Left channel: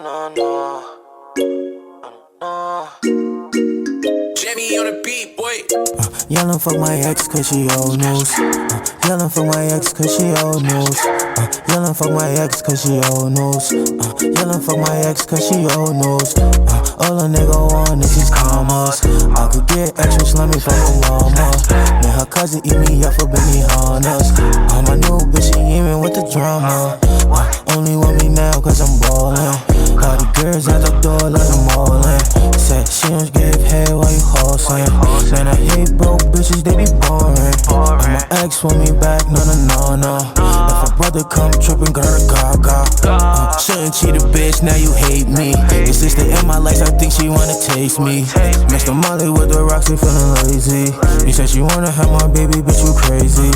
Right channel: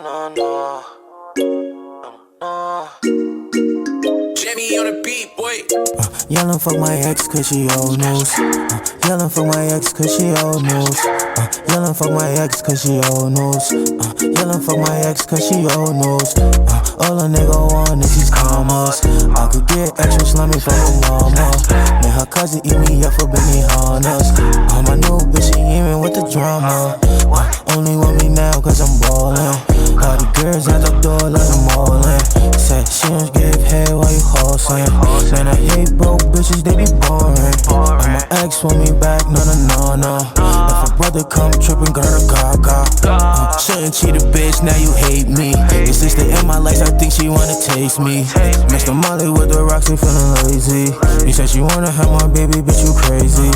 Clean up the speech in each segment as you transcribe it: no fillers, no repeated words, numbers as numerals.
no, no. No. Jamie on the beat, boy. Yellin' fuck my ex cause she old news. Yellin' fuck my ex cause she old news. Yellin' fuck my ex cause she old news. Yellin' fuck my ex cause she old news. All a nigga want is these commas. I could get extra slummy for her mama. Made her cousin eat me up for Benihana's. My new bitch, she even with the drama. Only want me now cause I'm ballin'. All the girls at the door like I'm all in. Said she don't give head while you hustling. Man, I hate broke bitches, they be boring. And my ex want me back, no, no, no, no. If a brother come trippin', got her gaga. Shouldn't cheat a bitch, now you hate me. Your sister in my life, I think she wanna taste me. Mixed the Molly with the rocks, they feelin' lazy. You said she wanna have my baby, bitch, you crazy.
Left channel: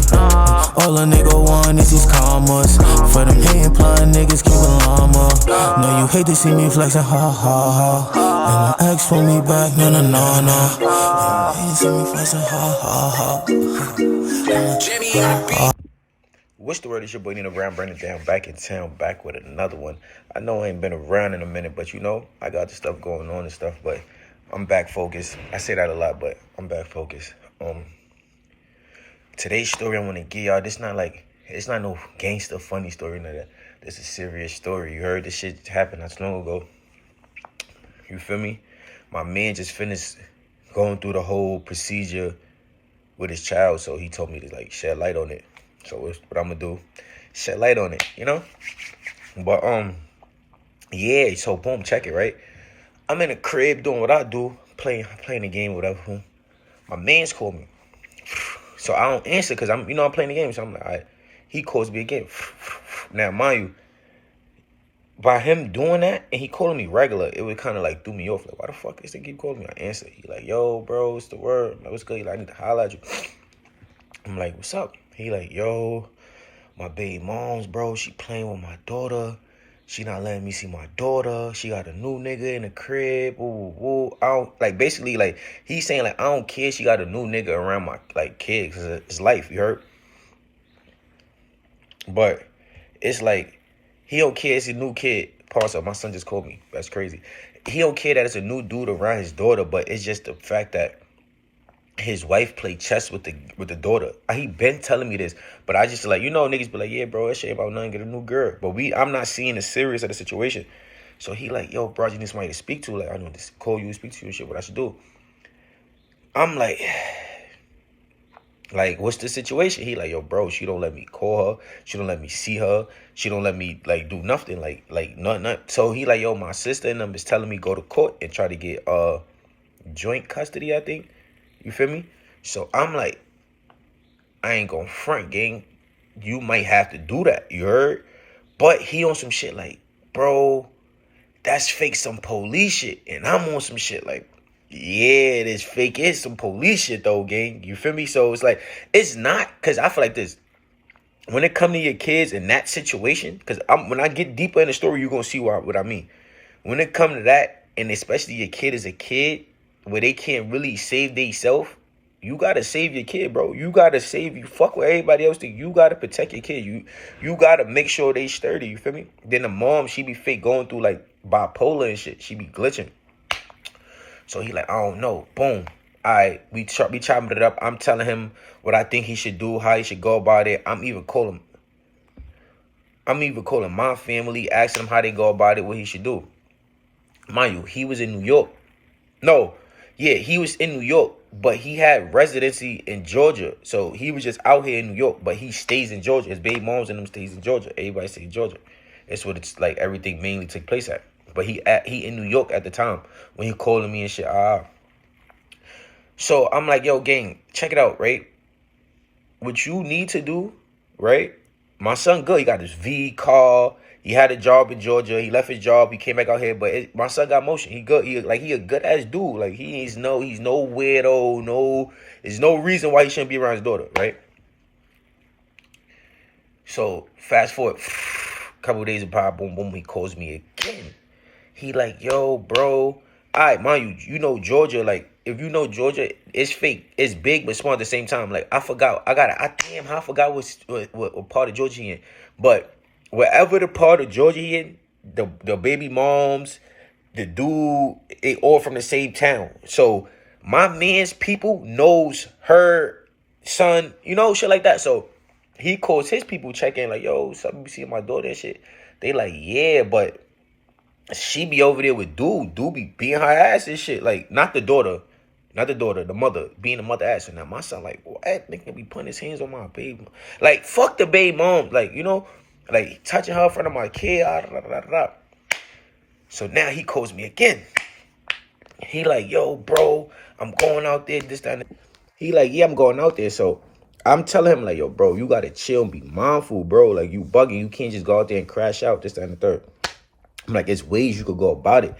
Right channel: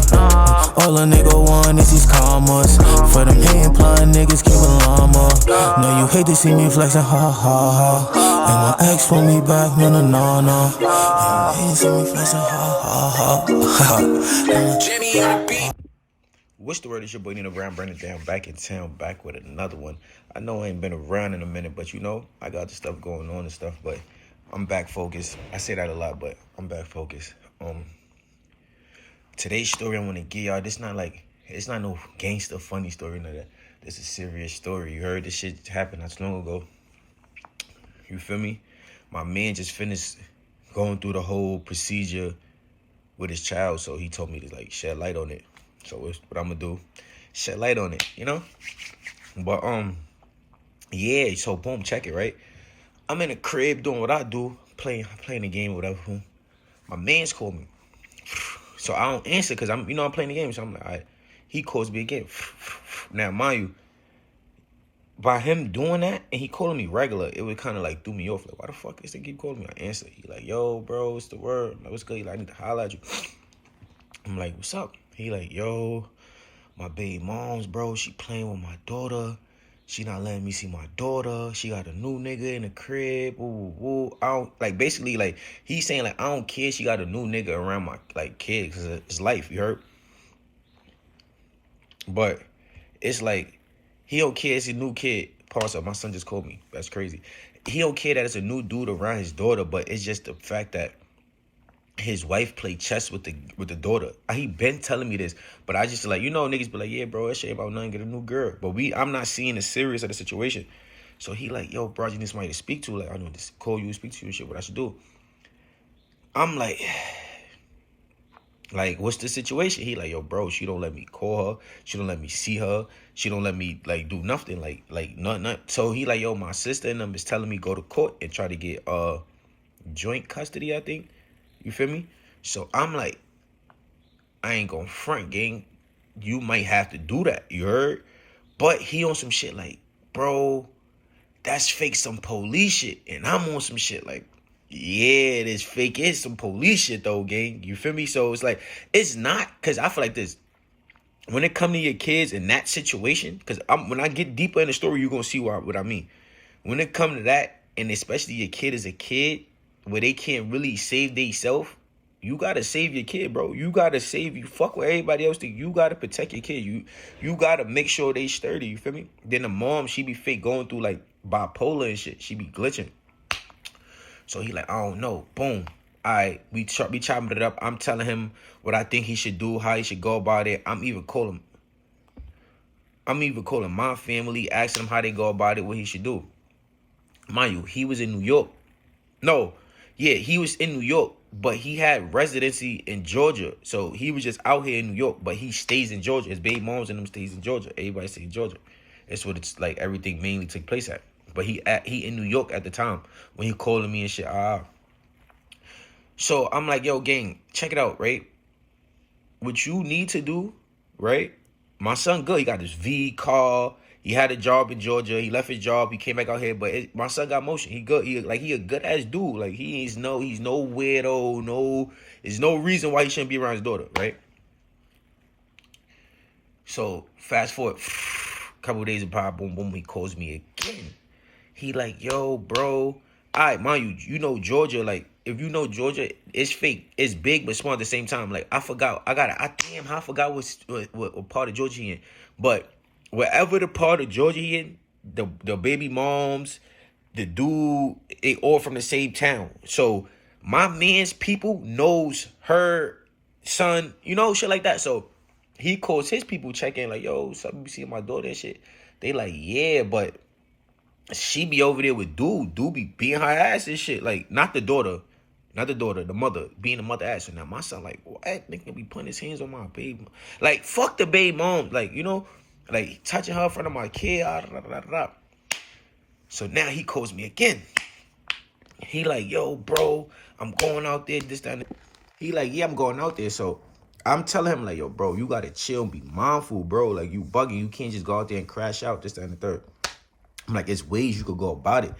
All a nigga want is these commas. For them hatin' plotting niggas, keep a llama. Now you hate to see me flexin', ha, ha, ha. And my ex want me back, no, no, no, no. And you hate to see me flexin', ha, ha, ha. Jamie on the beat. What's the word? It's your boy Nenobrown, bringing it down, back in town, back with another one. I know I ain't been around in a minute, but you know, I got the stuff going on and stuff, but I'm back focused. I say that a lot, but I'm back focused. Today's story I want to give y'all, it's not no gangster funny story, none of that. This is a serious story. You heard this shit happen not too long ago. You feel me? My man just finished going through the whole procedure with his child, so he told me to like shed light on it. So what I'm gonna do, shed light on it, you know? But yeah, so boom, check it, right? I'm in the crib doing what I do, playing the game, whatever. My man's called me. So I don't answer because I'm playing the game. So I'm like, all right. He calls me again. Now, mind you, by him doing that and he calling me regular, it would kind of like threw me off. Like, why the fuck is they keep calling me? I answer. He like, yo, bro, what's the word? I'm like, what's good? He like, I need to holler at you. I'm like, what's up? He like, yo, my baby mom's, bro, she playing with my daughter. She not letting me see my daughter. She got a new nigga in the crib. Ooh. I don't, like, basically, like, he's saying, like, I don't care she got a new nigga around my, like, kid, because it's life, you heard? But it's like, he don't care it's a new kid. Pause up, my son just called me. That's crazy. He don't care that it's a new dude around his daughter, but it's just the fact that his wife played chess with the daughter. He been telling me this, but I just like, niggas be like, yeah, bro, that shit about nothing, get a new girl. But I'm not seeing the serious of the situation. So he like, yo, bro, you need somebody to speak to. Like, I know this, call you, speak to you, shit, what I should do. I'm like, what's the situation? He like, yo, bro, she don't let me call her. She don't let me see her. She don't let me, like, do nothing, like nothing. So he like, yo, my sister and them is telling me go to court and try to get joint custody, I think. You feel me? So I'm like, I ain't gonna front, gang. You might have to do that, you heard? But he on some shit like, bro, that's fake some police shit. And I'm on some shit like, yeah, this fake is some police shit though, gang. You feel me? So it's like, it's not, because I feel like this. When it come to your kids in that situation, because when I get deeper in the story, you're gonna see what I mean. When it come to that, and especially your kid is a kid, where they can't really save themselves, you gotta save your kid, bro. You gotta save you. Fuck what everybody else think. You gotta protect your kid. You gotta make sure they sturdy. You feel me? Then the mom, she be fake going through like bipolar and shit. She be glitching. So he like, I don't know. Boom. All right, we chopping it up. I'm telling him what I think he should do, how he should go about it. I'm even calling my family, asking them how they go about it, what he should do. Mind you, he was in New York. He was in New York, but he had residency in Georgia. So he was just out here in New York, but he stays in Georgia. His baby moms and them stays in Georgia. Everybody stays in Georgia. That's what it's like, everything mainly took place at. But he in New York at the time when he calling me and shit. So I'm like, yo, gang, check it out, right? What you need to do, right? My son good. He got his V car. He had a job in Georgia. He left his job. He came back out here. But my son got motion. He good. He a good ass dude. Like he's no weirdo. There's no reason why he shouldn't be around his daughter, right? So fast forward, a couple of days apart, boom, boom. He calls me again. He like, yo, bro. All right, mind you, Georgia. Like if you know Georgia, it's fake. It's big but small at the same time. Like I forgot. I forgot what part of Georgia he in. But wherever the part of Georgia he in, the baby moms, the dude, they all from the same town. So my man's people knows her son, you know, shit like that. So he calls his people, check in like, yo, something you see my daughter and shit. They like, yeah, but she be over there with dude. Dude be beating her ass and shit. Like, not the daughter, the mother, being the mother ass. And now my son like, what? Nigga be putting his hands on my baby. Like, fuck the baby mom. Like, you know, like touching her in front of my kid. So now he calls me again. He like, yo, bro, I'm going out there, this, that, and that. He like, yeah, I'm going out there. So I'm telling him like, yo, bro, you got to chill and be mindful, bro. Like, you bugging. You can't just go out there and crash out, this, that, and the third. I'm like, it's ways you could go about it.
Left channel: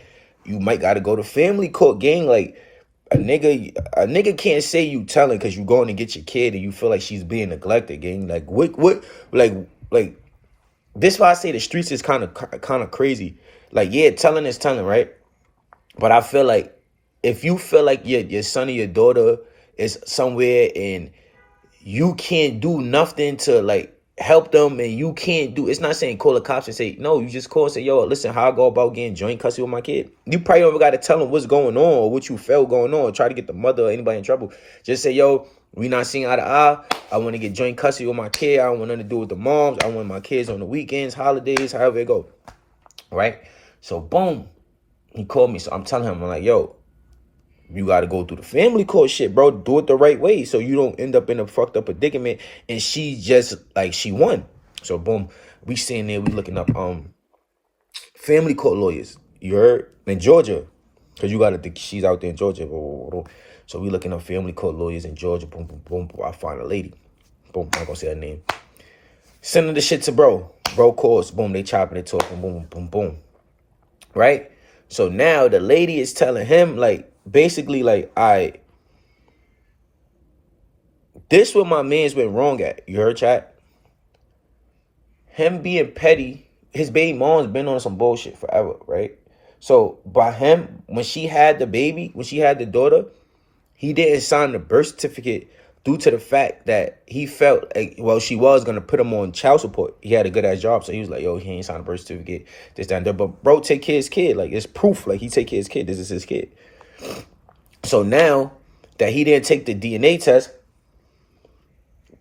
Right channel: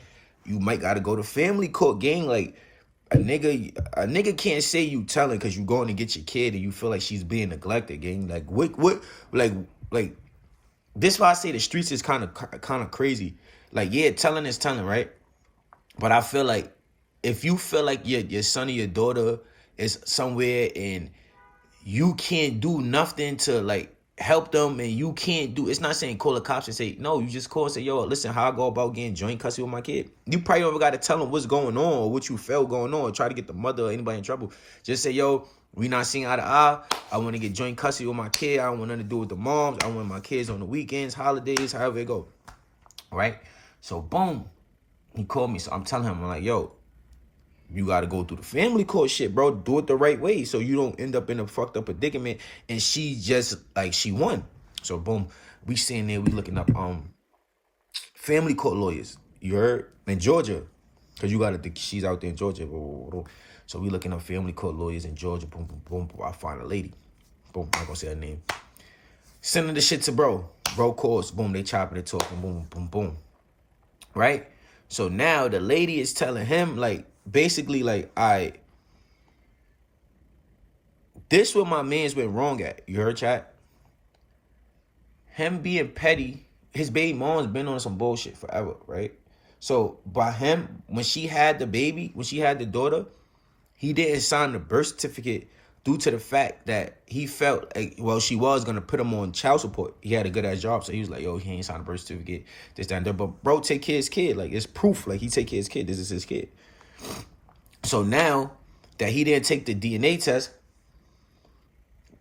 You might got to go to family court, gang. Like, a nigga can't say you telling because you going to get your kid and you feel like she's being neglected, gang. Like, what, like, this is why I say the streets is kind of crazy. Like, yeah, telling is telling, right? But I feel like if you feel like your son or your daughter is somewhere and you can't do nothing to, like, help them, and you can't do, it's not saying call the cops and say, no, you just call and say, yo, listen, how I go about getting joint custody with my kid. You probably never got to tell them what's going on or what you felt going on, or try to get the mother or anybody in trouble. Just say, yo, we not seeing eye to eye. I want to get joint custody with my kid. I don't want nothing to do with the moms. I want my kids on the weekends, holidays, however it go. Right? So, boom, he called me. So I'm telling him, I'm like, yo, you got to go through the family court shit, bro. Do it the right way so you don't end up in a fucked up predicament. And she just, like, she won. So, boom, we sitting there, we looking up family court lawyers. You heard? In Georgia. Because you got to think she's out there in Georgia. So we looking up family court lawyers in Georgia. Boom, boom, boom, boom. I find a lady. Boom, I'm not going to say her name. Sending the shit to bro. Bro calls. Boom, they chopping it, talking. Boom, boom, boom. Right? So now the lady is telling him, like, basically, like, this what my man's been wrong at. You heard, chat? Him being petty, his baby mom's been on some bullshit forever, right? So by him, when she had the baby, when she had the daughter, he didn't sign the birth certificate due to the fact that he felt like, well, she was going to put him on child support. He had a good-ass job, so he was like, yo, he ain't signed a birth certificate, this, that, and that. But bro, take care of his kid. Like, it's proof. Like, he take care of his kid. This is his kid. So now that he didn't take the DNA test,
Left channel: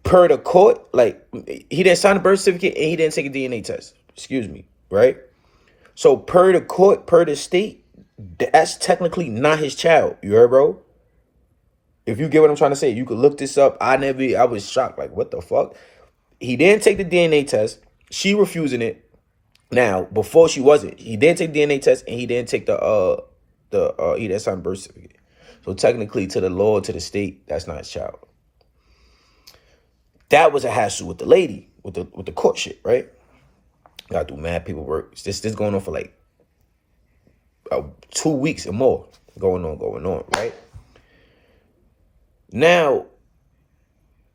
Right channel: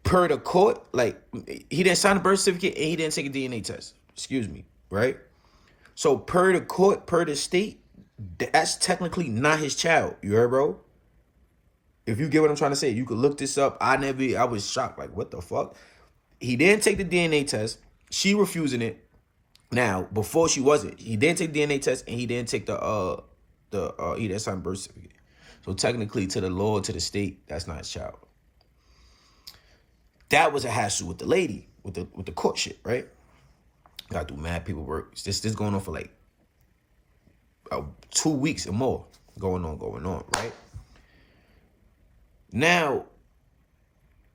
per the court, like, he didn't sign a birth certificate and he didn't take a DNA test. Excuse me, right? So per the court, per the state, that's technically not his child. You heard, bro? If you get what I'm trying to say, you could look this up. I was shocked. Like, what the fuck? He didn't take the DNA test. She refusing it. Now, before she wasn't. He didn't take the DNA test and he didn't take he didn't sign birth certificate. So technically, to the law, to the state, that's not his child. That was a hassle with the lady, with the court shit, right? Gotta do mad paperwork. This going on for like 2 weeks or more. Going on, right? Now,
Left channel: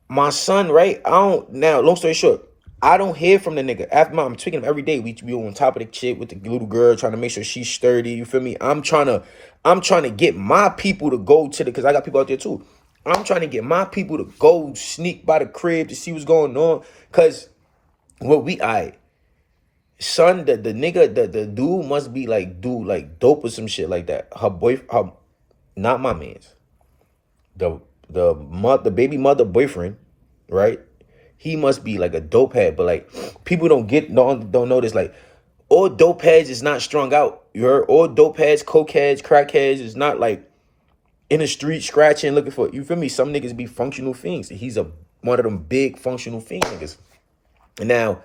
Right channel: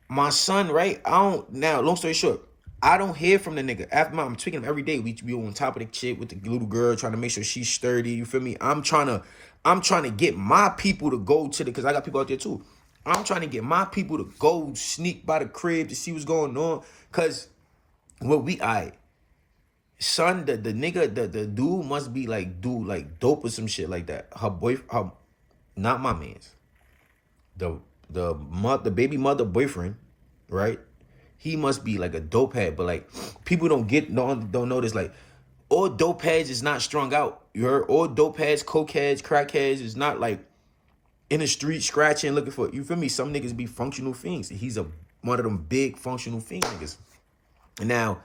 my son, right? Long story short, I don't hear from the nigga. After I'm tweaking him every day. We on top of the shit with the little girl, trying to make sure she's sturdy. You feel me? I'm trying to get my people to go to because I got people out there too. I'm trying to get my people to go sneak by the crib to see what's going on. Cause son, the nigga, the dude must be like dope or some shit like that. Her not my man's. The baby mother boyfriend, right? He must be like a dope head, but like people don't know this. Like, all dope heads is not strung out. You heard? All dope heads, coke heads, crack heads is not like in the street scratching, looking for, you feel me? Some niggas be functional fiends. He's one of them big functional fiend niggas. And now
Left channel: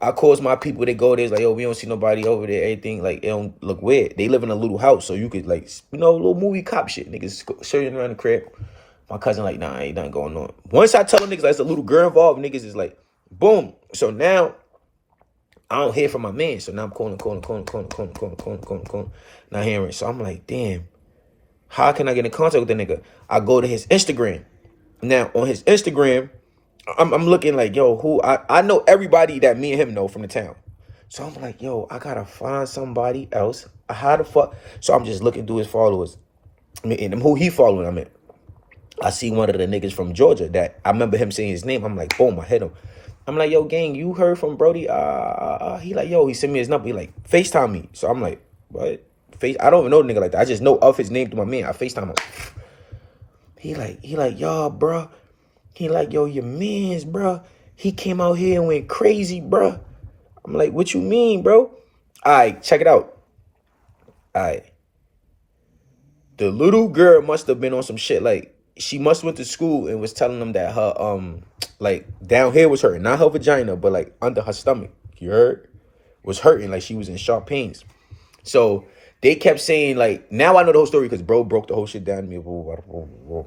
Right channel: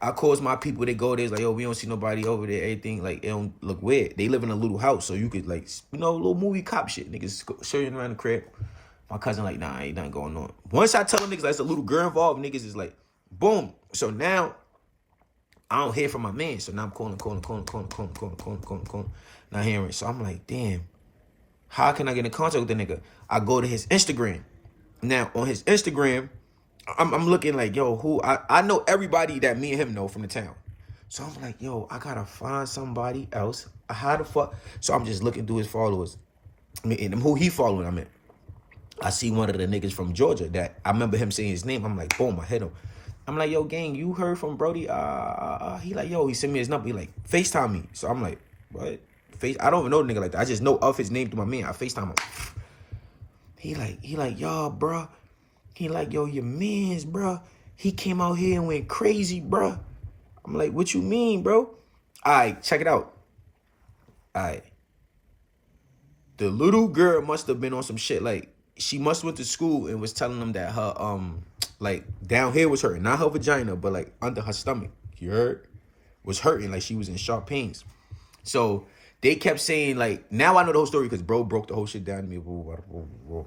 I calls my people, they go there, it's like, yo, we don't see nobody over there, everything, like, it don't look weird. They live in a little house, so you could, like, you know, little movie cop shit. Niggas shooting around the crib. My cousin like, nah, ain't nothing going on. Once I tell them niggas like, it's a little girl involved, niggas is like, boom. So now I don't hear from my man. So now I'm calling. Not hearing. So I'm like, damn, how can I get in contact with the nigga? I go to his Instagram. Now on his Instagram, I'm looking like, yo, who I know everybody that me and him know from the town. So I'm like, yo, I gotta find somebody else. How the fuck? So I'm just looking through his followers. I mean, and who he following, I see one of the niggas from Georgia that I remember him saying his name. I'm like, boom, I hit him. I'm like, yo, gang, you heard from Brody? He like, yo, he sent me his number. He like, FaceTime me. So I'm like, what? I don't even know the nigga like that. I just know of his name through my man. I FaceTime him. He like, yo, bro. He like, yo, your mans, bro. He came out here and went crazy, bro. I'm like, what you mean, bro? All right, check it out. All right. The little girl must have been on some shit. Like, she must went to school and was telling them that her, like, down here was hurting. Not her vagina, but, like, under her stomach. You heard? Was hurting. Like, she was in sharp pains. So, they kept saying, like, now I know the whole story because bro broke the whole shit down to me.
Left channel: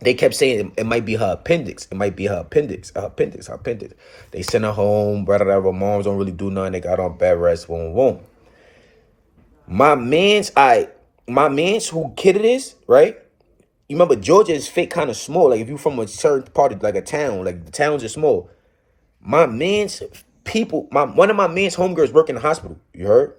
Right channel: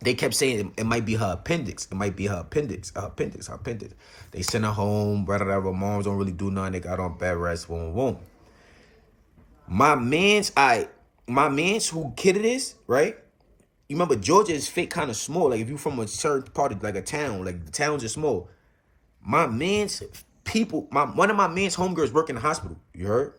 They kept saying it might be her appendix. It might be her appendix. Her appendix. They sent her home. Whatever. Moms don't really do nothing. They got on bed rest. Boom. My man's who kid it is, right? You remember Georgia is fake kind of small. Like if you from a certain part of like a town, like the towns are small. My man's people, one of my man's homegirls work in the hospital. You heard?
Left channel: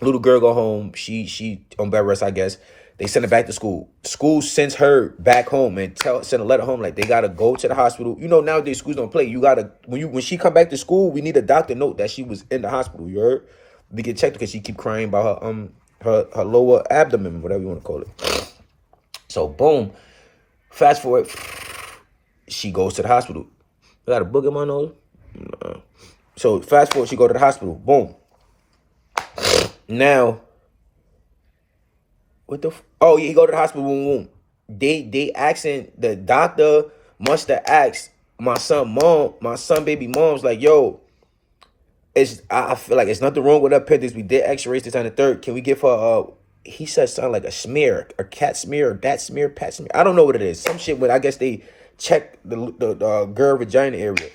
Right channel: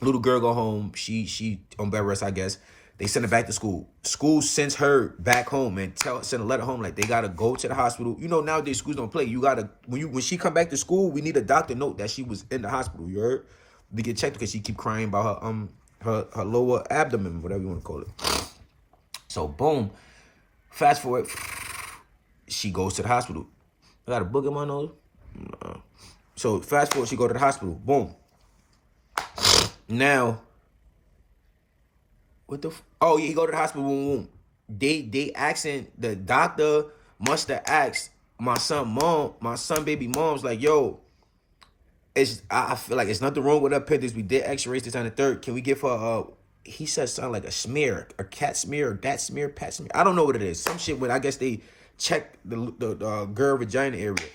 Little girl go home. She on bed rest, I guess. They send her back to school. School sends her back home and send a letter home like they gotta go to the hospital. You know nowadays schools don't play. You gotta when she come back to school, we need a doctor note that she was in the hospital. You heard? We get checked because she keep crying about her lower abdomen, whatever you want to call it. So boom, fast forward, she goes to the hospital. I got a book in my nose. So fast forward, she go to the hospital. Boom. Now, what the? Oh yeah, he go to the hospital. Boom. They asking, the doctor must have asked my son baby mom's like, yo, I feel like it's nothing wrong with her appendix. We did X-rays this on the 3rd. Can we give her he said something like a smear, a cat smear, or dat smear, pat smear. I don't know what it is. Some shit, but I guess they checked the girl vagina area.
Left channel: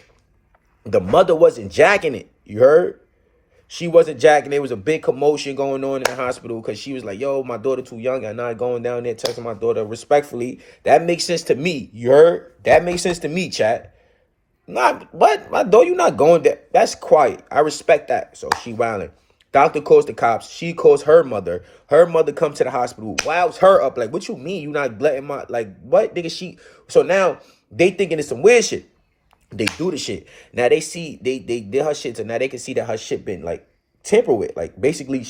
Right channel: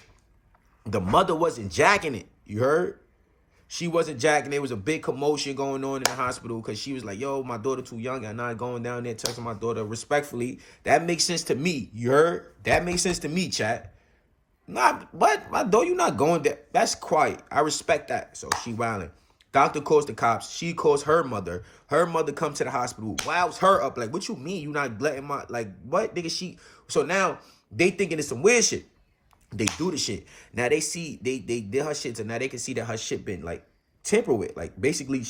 The mother wasn't jacking it. You heard? She wasn't jacking. There was a big commotion going on in the hospital because she was like, yo, my daughter too young. I'm not going down there texting my daughter respectfully. That makes sense to me. You heard? That makes sense to me, chat. Not what? My daughter, you not going there. That's quiet. I respect that. So she wilding. Doctor calls the cops. She calls her mother. Her mother comes to the hospital. Wows her up. Like, what you mean? You not letting my, like, what? Nigga, so now they thinking it's some weird shit. They do the shit. Now they see, they did her shit, so now they can see that her shit been, like, tampered with. Like, basically,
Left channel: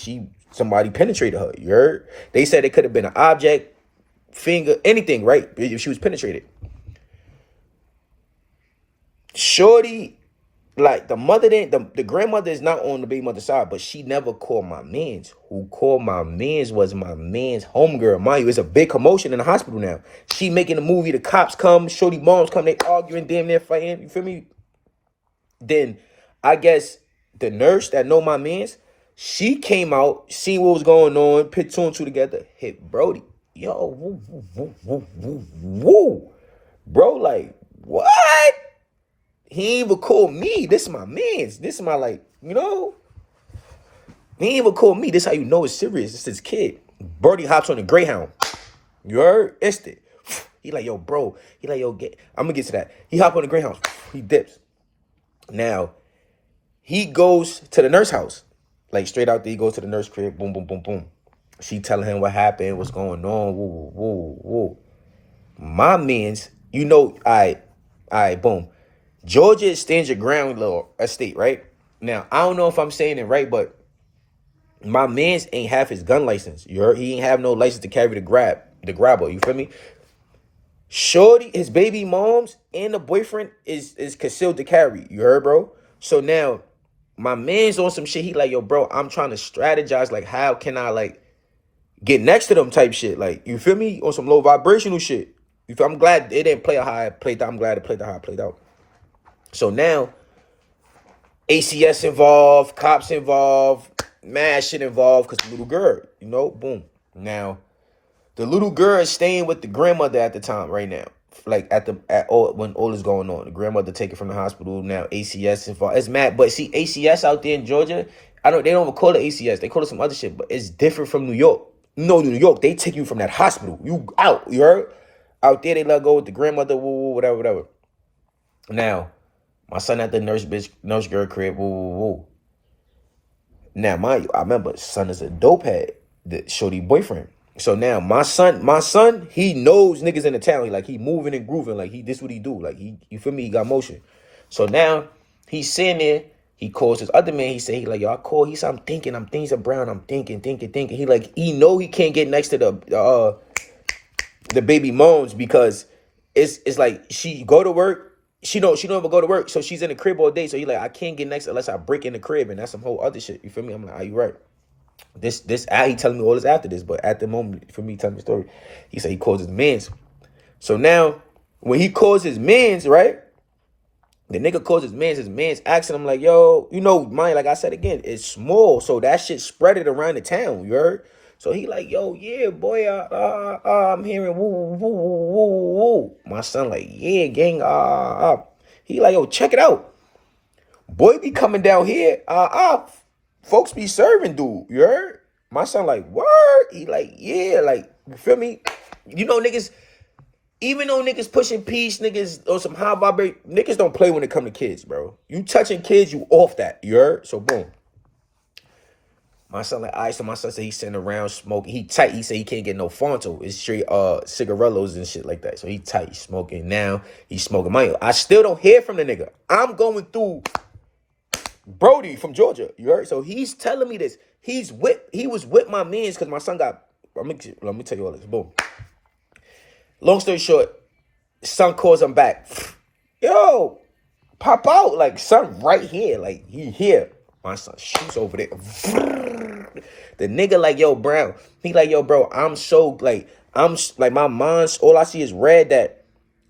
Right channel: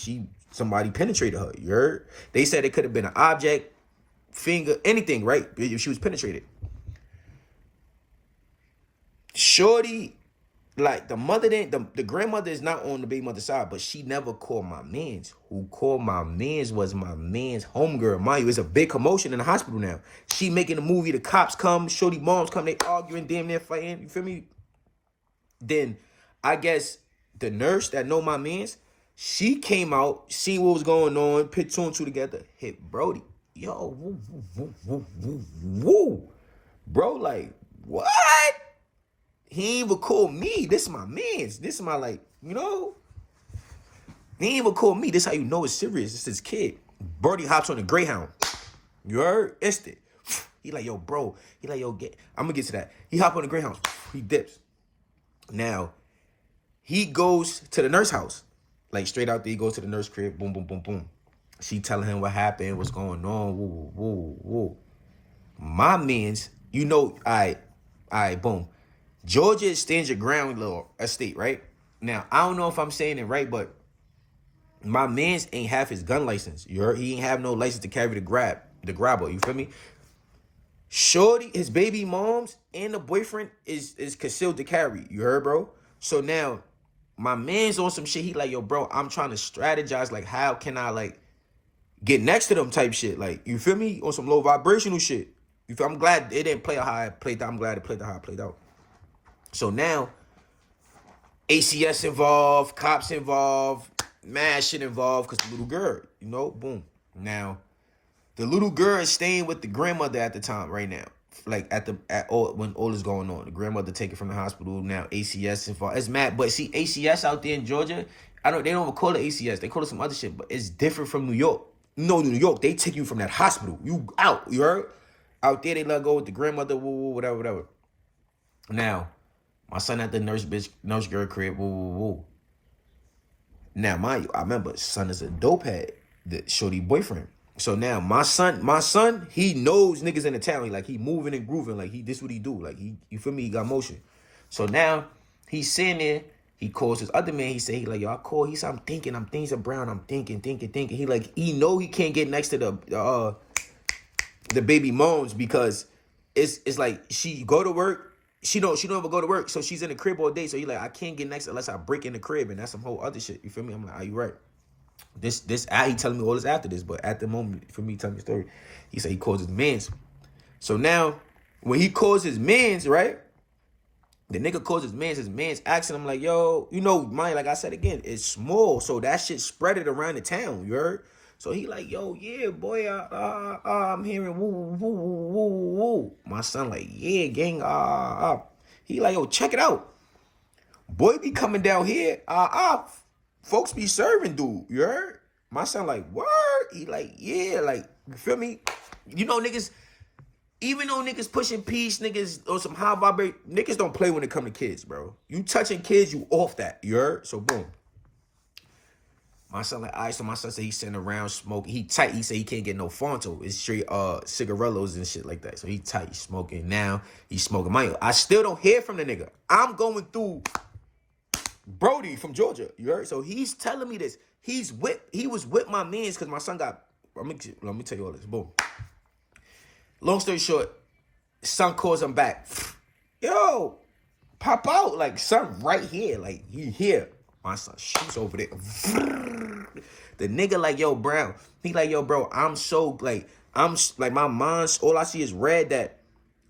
somebody penetrated her. You heard? They said it could have been an object, finger, anything, right? If she was penetrated. Shorty, like the grandmother is not on the baby mother's side, but she never called my mans. Who called my mans was my man's homegirl. Mind you, it's a big commotion in the hospital now. She making a movie, the cops come, Shorty moms come, they arguing, damn near fighting. You feel me? Then I guess the nurse that know my mans, she came out, seen what was going on, put 2 and 2 together, hit Brody. Yo, woo. Bro, like, what? He ain't even call me. This is my mans. This is my, like, you know? He ain't even call me. This how you know it's serious. This is his kid. Brody hops on the Greyhound. You heard? Instant. He like, yo, bro. He like, yo, I'm going to get to that. He hop on the Greyhound. He dips. Now, he goes to the nurse house. Like, straight out there, he goes to the nurse crib. Boom, boom, boom, boom. She telling him what happened, what's going on. Woo. My mans, you know, all right, boom. Georgia is stand your ground little estate, right? Now, I don't know if I'm saying it right, but my mans ain't have his gun license. You heard? He ain't have no license to carry the grabber. You feel me? Shorty, his baby moms and the boyfriend is concealed to carry. You heard, bro? So now, my man's on some shit. He like, yo, bro, I'm trying to strategize. Like, how can I, like, get next to them type shit? Like, you feel me? On some low vibrational shit. You feel? I'm glad it didn't play out how I played out. I'm glad it played out how I played out. So now, ACS involved, cops involved, mad shit involved, because the little girl, you know, boom. Now, the little girl is staying with the grandmother at the time, right now. Like, when all is going on. The grandmother taken from the hospital, now ACS involved. It's mad, but see, ACS out there in Georgia, they don't even call it ACS. They call it some other shit, but it's different from New York. You know, New York, they take you from that hospital. You out, you heard? Out there, they let go with the grandmother, whatever. Now, my son at the nurse girl crib, Now, mind you, I remember son is a dope head, the shorty boyfriend. So now my son, he knows niggas in the town. He moving and grooving. Like, this what he do. Like, you feel me? He got motion. So now he's sitting there. He calls his other man. He say, he like, yo, I call. He said, I'm thinking Brown. I'm thinking. He like, he know he can't get next to the baby moms because it's like she go to work. She don't ever go to work. So she's in the crib all day. So he like, I can't get next unless I break in the crib. And that's some whole other shit. You feel me? I'm like, are you right? He telling me all this after this. But at the moment, for me telling the story, he said he calls his mans. So now, when he calls his mans, right? The nigga calls his man's asking him like, yo, you know, mine, like I said again, it's small. So that shit spread it around the town, you heard? So he like, yo, yeah, boy, I'm hearing woo, woo, woo, woo, woo. My son like, yeah, gang, He like, yo, check it out. Boy be coming down here, folks be serving dude, you heard? My son like, word? He like, yeah, like, you feel me? You know, niggas, even though niggas pushing peace, niggas or some high vibrate, niggas don't play when it come to kids, bro. You touching kids, you off that. You heard? So boom. My son like, all right, so my son said he's sitting around smoking. He tight. He said he can't get no Fonto. It's straight cigarillos and shit like that. So he tight. He's smoking. Now he's smoking. I still don't hear from the nigga. I'm going through Brody from Georgia. You heard? So he's telling me this. He was with my mans because my son got, let me tell you all this. Boom. Long story short, son calls him back. Yo, pop out. Like, son right here. Like, he here. My son shoots over there. The nigga like, yo, Brown. He like, yo, bro, I'm my mind's, all I see is red that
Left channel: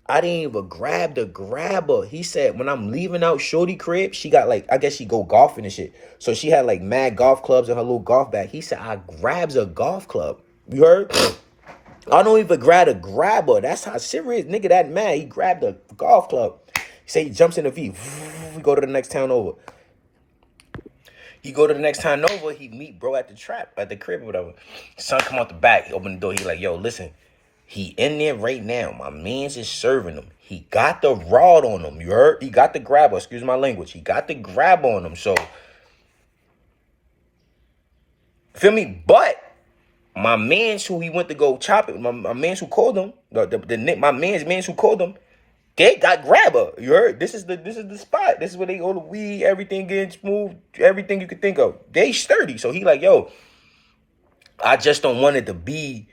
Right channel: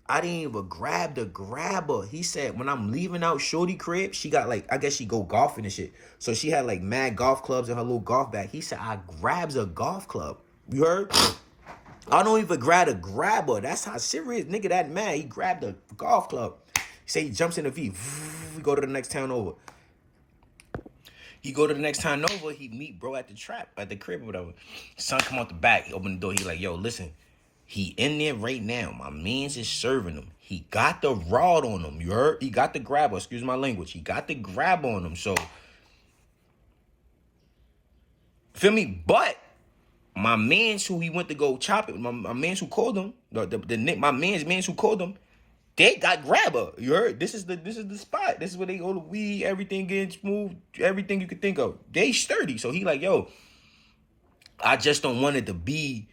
I didn't even grab the grabber. He said, when I'm leaving out Shorty crib, she got like, I guess she go golfing and shit. So she had like mad golf clubs in her little golf bag. He said, I grabs a golf club. You heard? I don't even grab a grabber. That's how serious nigga that mad. He grabbed a golf club. He say he jumps in the V. We go to the next town over. He meet bro at the trap, at the crib or whatever. Son come out the back. He open the door. He like, yo, listen. He in there right now. My mans is serving him. He got the rod on him. You heard? He got the grabber. Excuse my language. He got the grab on him. So, feel me? But my mans who he went to go chop it, my mans who called him, my mans who called him, they got grabber. You heard? This is the spot. This is where they go to weed, everything getting smooth, everything you could think of. They sturdy. So he like, yo, I just don't want it to be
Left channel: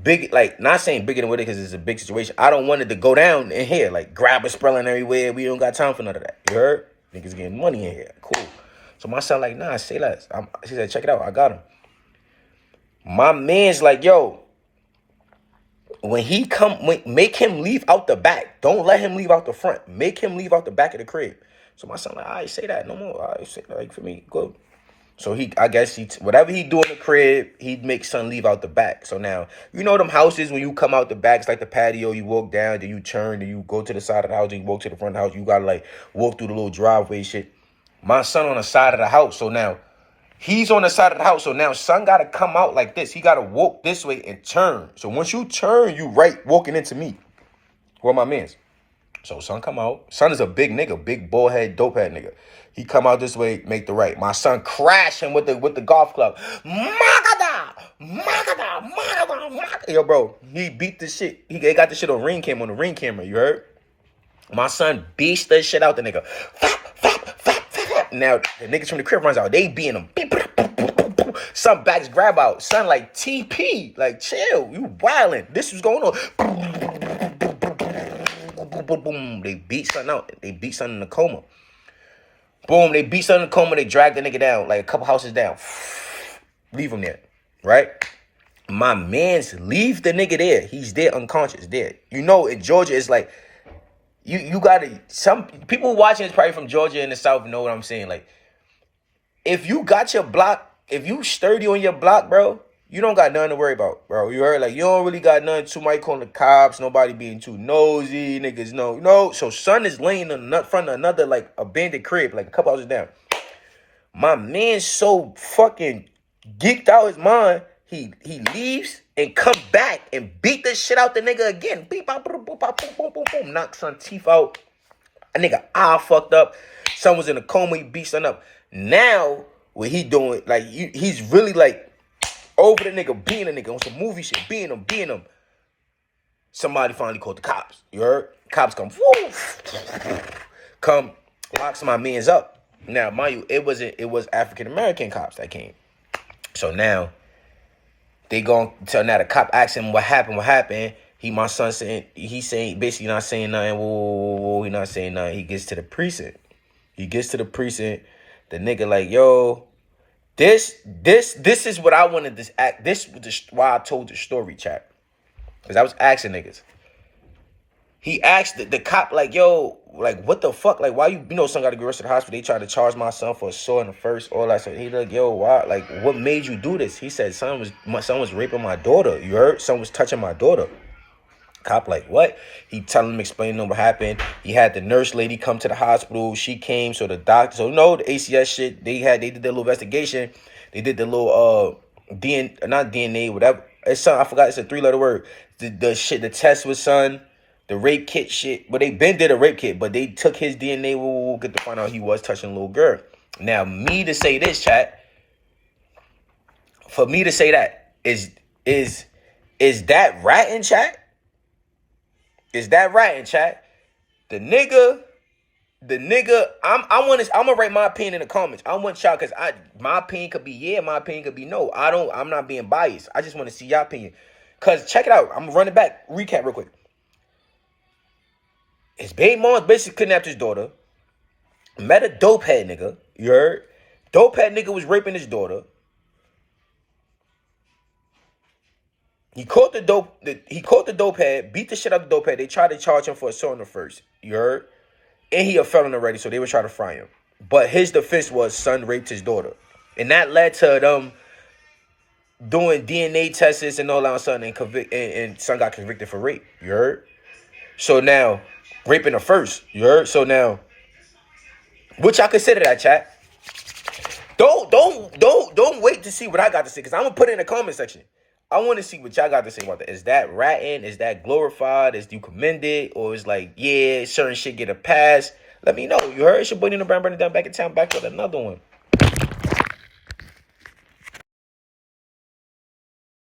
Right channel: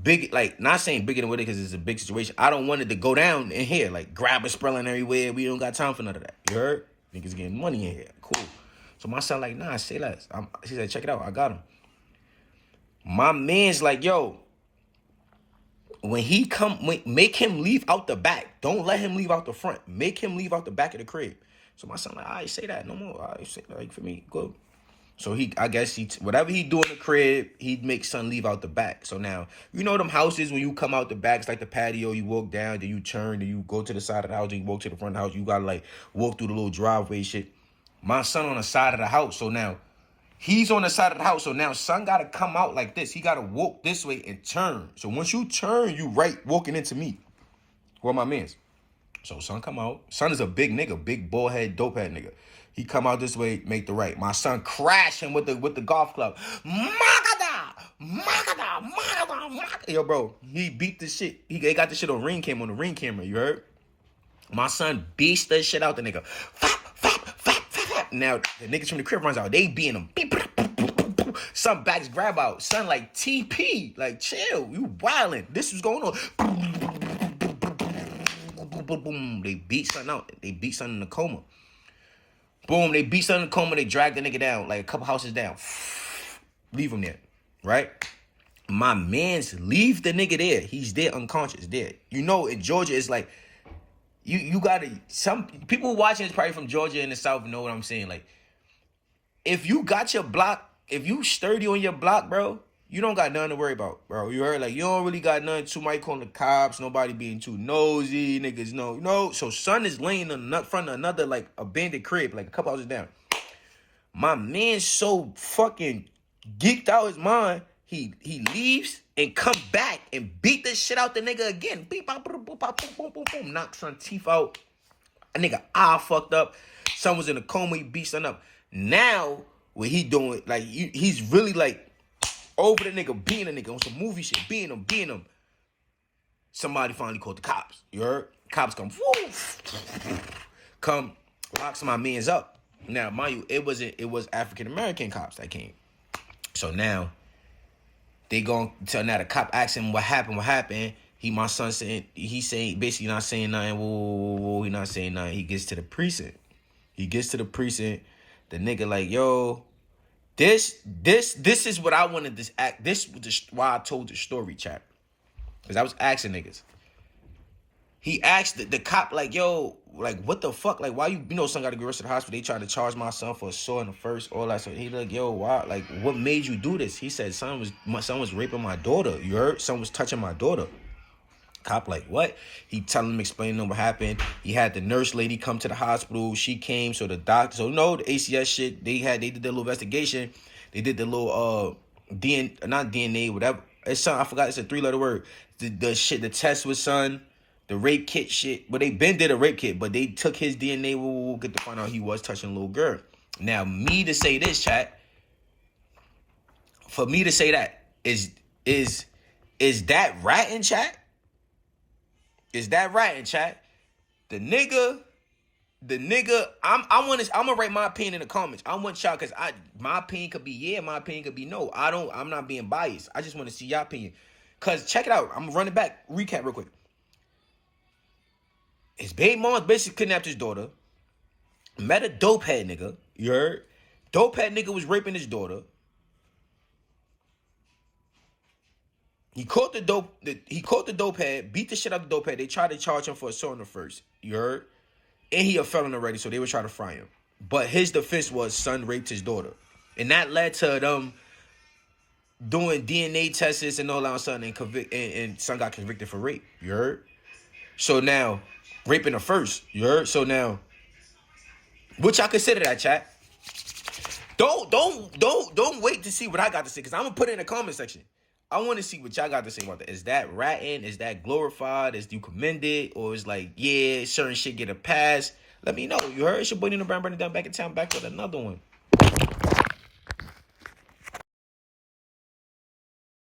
big, like, not saying bigger than what it is because it's a big situation. I don't want it to go down in here, like grabber spraying everywhere. We don't got time for none of that. You heard? Niggas getting money in here. Cool. So my son like, nah, say less. She said, check it out. I got him. My man's like, yo, when he make him leave out the back. Don't let him leave out the front. Make him leave out the back of the crib. So my son like, all right, say that no more. All right, say that, like, for me, good. So I guess whatever he do in the crib, he'd make son leave out the back. So now, you know them houses when you come out the back, it's like the patio, you walk down, then you turn, then you go to the side of the house, then you walk to the front of the house. You gotta like walk through the little driveway shit. My son on the side of the house, so now he's on the side of the house. So now son got to come out like this. He got to walk this way and turn. So once you turn, you right walking into me. Where my mans? So son come out. Son is a big nigga, big bald head, dope head nigga. He come out this way, make the right. My son crash him with the golf club. Magada. Yo, bro, he beat the shit. He got the shit on the ring camera. You heard? My son beats the shit out the nigga. Now, the niggas from the crib runs out. They beating him. Son backs grab out. Son like TP. Like, chill. You wildin'. This was going on. Boom. They beat son out. They beat son in the coma. Boom. They beat son in the coma. They drag the nigga down. Like a couple houses down. Leave him there. Right? My mans leave the nigga there. He's there unconscious. There. You know, in Georgia, it's like, You gotta, some people watching this probably from Georgia in the South know what I'm saying. Like, if you got your block, if you sturdy on your block, bro, you don't got nothing to worry about, bro. You heard? Like, you don't really got nothing too much calling the cops, nobody being too nosy, niggas no. So son is laying in the front of another, like, abandoned crib, like a couple houses down. My man's so fucking geeked out his mind, he leaves and come back and beat the shit out the nigga again. Beep, bop, boom, boom, boom, boom, boom. Knock son teeth out. A nigga fucked up. Son was in a coma. He beat son up. Now, what he doing, like, he's really, like, over the nigga, beating the nigga on some movie shit. Beating him. Somebody finally called the cops. You heard? Cops come. Woo. come lock my mans up. Now, mind you, it was African American cops that came. So now they going to now the cop asks him what happened. My son saying, basically not saying nothing. Whoa, he not saying nothing. He gets to the precinct. The nigga like, yo, this is what I wanted this act. This was why I told the story, chat. Because I was asking niggas. He asked the cop, like, yo, like, what the fuck? Like, why you son got to get rushed to the hospital. They tried to charge my son for assault in the first, all that. So he like, yo, why? Like, what made you do this? He said, my son was raping my daughter. You heard? Son was touching my daughter. Cop like, what? He telling him, explaining him what happened. He had the nurse lady come to the hospital. She came, so the doctor, so the ACS shit, they did their little investigation. They did the little not DNA, whatever. It's something, I forgot, it's a 3-letter word. The shit, the test was son. The rape kit shit. But they been did a rape kit, but they took his DNA. We'll get to find out he was touching a little girl. Now, me to say this, chat, for me to say that, is that ratting, chat? Is that ratting, chat? The nigga, I'm gonna write my opinion in the comments. I want y'all, because my opinion could be yeah, my opinion could be no. I'm not being biased. I just want to see y'all opinion. Because check it out. I'm gonna run it back. Recap real quick. His baby mom basically kidnapped his daughter. Met a dope head nigga. You heard? Dope head nigga was raping his daughter. He caught the dope head, beat the shit out of the dope head. They tried to charge him for assault in the first. You heard? And he a felon already, so they were trying to fry him. But his defense was son raped his daughter. And that led to them doing DNA tests and all that son, and son got convicted for rape. You heard? So now, raping the first. You heard? So now, what y'all consider that, chat? Don't wait to see what I got to say, because I'm gonna put it in the comment section. I want to see what y'all got to say about that. Is that ratting? Is that glorified? Is you commended? Or is like, yeah, certain shit get a pass? Let me know. You heard? It's your boy Nenobrown, burning down back in town, back with another one.